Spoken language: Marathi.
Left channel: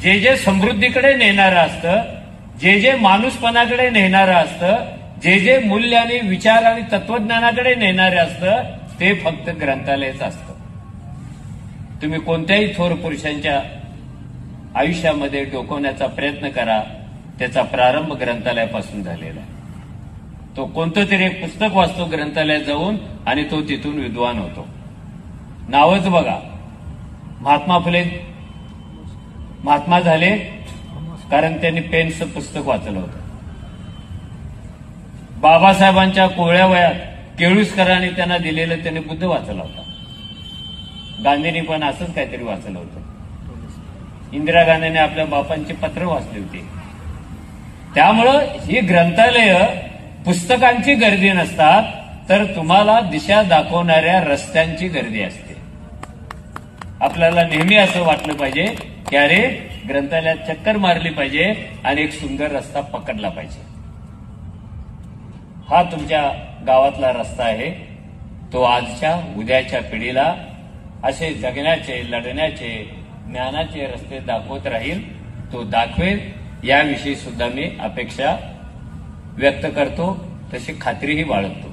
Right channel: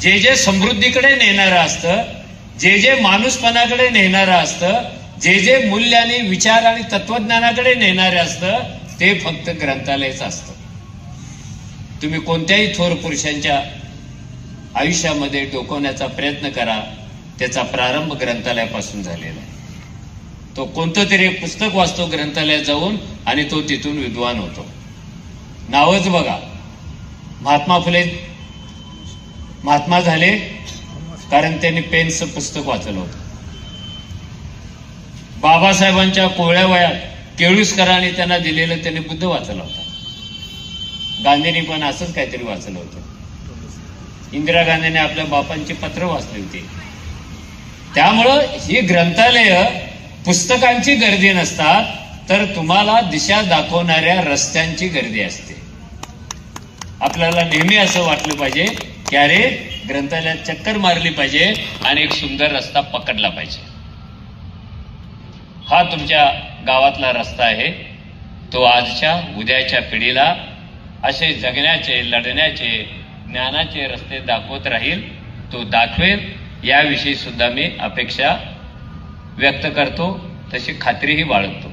जे जे समृद्धीकडे नेणारं असतं, जे जे माणूसपणाकडे नेणारं असतं, जे जे मूल्य आणि विचार आणि तत्वज्ञानाकडे नेणारे असतं, ते फक्त ग्रंथालयच असतं. तुम्ही कोणत्याही थोर पुरुषांच्या आयुष्यामध्ये डोकवण्याचा प्रयत्न करा, त्याचा प्रारंभ ग्रंथालयापासून झालेला. तो कोणतं तरी एक पुस्तक वाचतो ग्रंथालयात जाऊन आणि तो तिथून विद्वान होतो. नावच बघा, महात्मा फुले महात्मा झाले कारण त्यांनी पेनचं पुस्तक वाचलं होतं. बाबासाहेबांच्या कोवळ्या वयात केळुसकरांनी त्यांना दिलेलं त्यांनी बुद्ध वाचला होता. गांधींनी पण असंच काहीतरी वाचलं होतं. इंदिरा गांधींनी आपल्या बापांची पत्र वाचली होती. त्यामुळं ही ग्रंथालय पुस्तकांची गर्दी नसतात, तर तुम्हाला दिशा दाखवणाऱ्या रस्त्यांची गर्दी असते. आपल्याला नेहमी असं वाटलं पाहिजे की अरे ग्रंथालयात चक्कर मारली पाहिजे आणि एक सुंदर रस्ता पकडला पाहिजे. हा तुमच्या गावातला रस्ता आहे. तो आजच्या उद्याच्या पिढीला असे जगण्याचे, लढण्याचे, ज्ञानाचे रस्ते दाखवत राहील. तो दाखवेल याविषयी सुद्धा मी अपेक्षा व्यक्त करतो, तशी खात्रीही बाळगतो.